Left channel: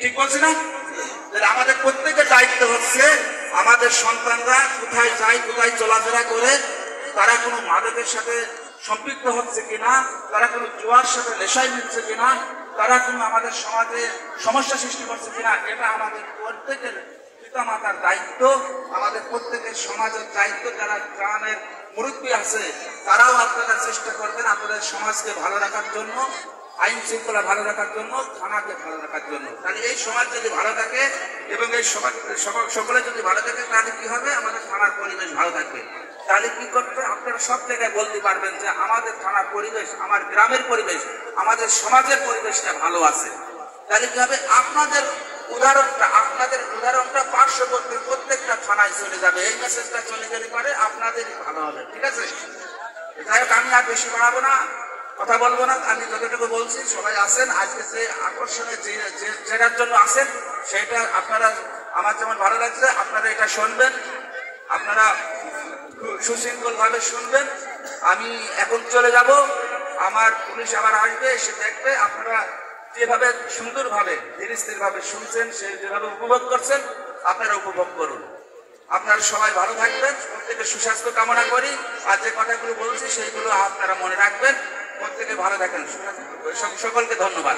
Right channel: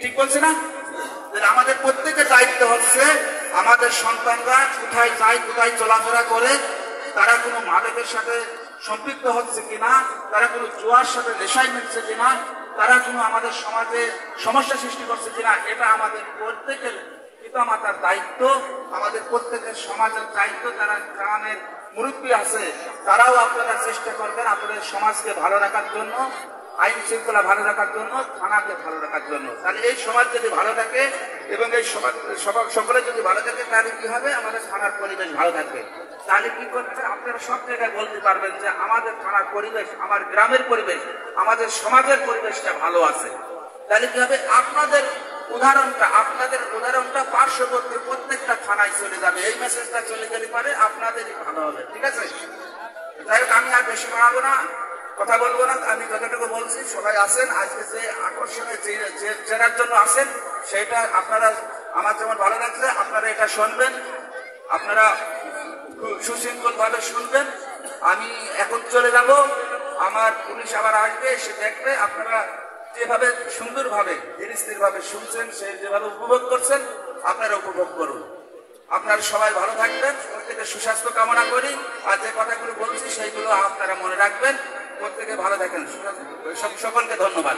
ঠিক বলছি না? আমাদের প্রত্যেকের দায়িত্ব হচ্ছে আমাদের সন্তানরা কোথায় যায়, কোথায় চলাফেরা করে, তারা কোনো মাদকের সাথে সম্পৃক্ত হচ্ছে কিনা, তারা কোনো জুয়ার সাথে নেশায় মিলছে কিনা, তারা কোনো আমাদের সমাজে সমস্যা সৃষ্টি করছে কিনা, এটা আমাদের প্রত্যেকের পিতামাতার দায়িত্ব, আমাদের প্রত্যেকের সমাজের দায়িত্ব। যারা গ্রামের মুরব্বী আছে তারাও আপনারা চেষ্টা করবেন আপনাদের সমাজকে ভালো রাখার জন্য, আইন শৃঙ্খলা ভালো রাখার জন্য, থানাকে ভালো রাখার জন্য। তাহলে এই সমাজ যদি ভালো থাকে এবং এই সমাজ সকলে যদি ভালো থাকে, তাহলে কি হবে? আমাদের থানার পরিবেশ ভালো থাকবে। তাহলে কি করতে আপনারা সব জায়গায় বলতে পারবেন যে আমাদের থানার পরিবেশ, আমার গ্রামের পরিবেশ, আমাদের সমাজের পরিবেশটা ভালো আছে। তাহলে কি হবে? আপনাদের উদাহরণটা পার্শ্ববর্তী প্রত্যেকটা থানায় চলে যাবে। এই মেসেজটা চলে গেলে পারে আপনাদেরই ভালো হবে। ঠিক আছে? যাই হোক, আমি আর বেশি বাড়াবো না, কথা বলবো না। আমি যতটুকু বলছি, সবাই আসেন। আজকে যে আকর্ষণীয় জেনার জন্য আসেন, সেটা আপনারা আমার যেমন ভালো লাগছে, আপনারা এটা শুনবেন, আপনারা সুশৃঙ্খল ভাবে শুনবেন। আমি এখন চলে যাব, আমার পুলিশ আবার আসবে, এসে দেখবে। আপনারা যেভাবে সুন্দরভাবে ধীরস্থির ভাবে শুনছেন, সে যেভাবে উপভোগ করছেন, আপনারা উপভোগ করুন। আপনারা সবাই ভালো থাকবেন, প্রত্যেকে সুস্বাস্থ্য কামনা করি। আর যে কথাগুলো বলছি সেইগুলো আপনারা মনে রাখবেন। প্রত্যেকে ভালো থাকেন, সকলকে ধন্যবাদ।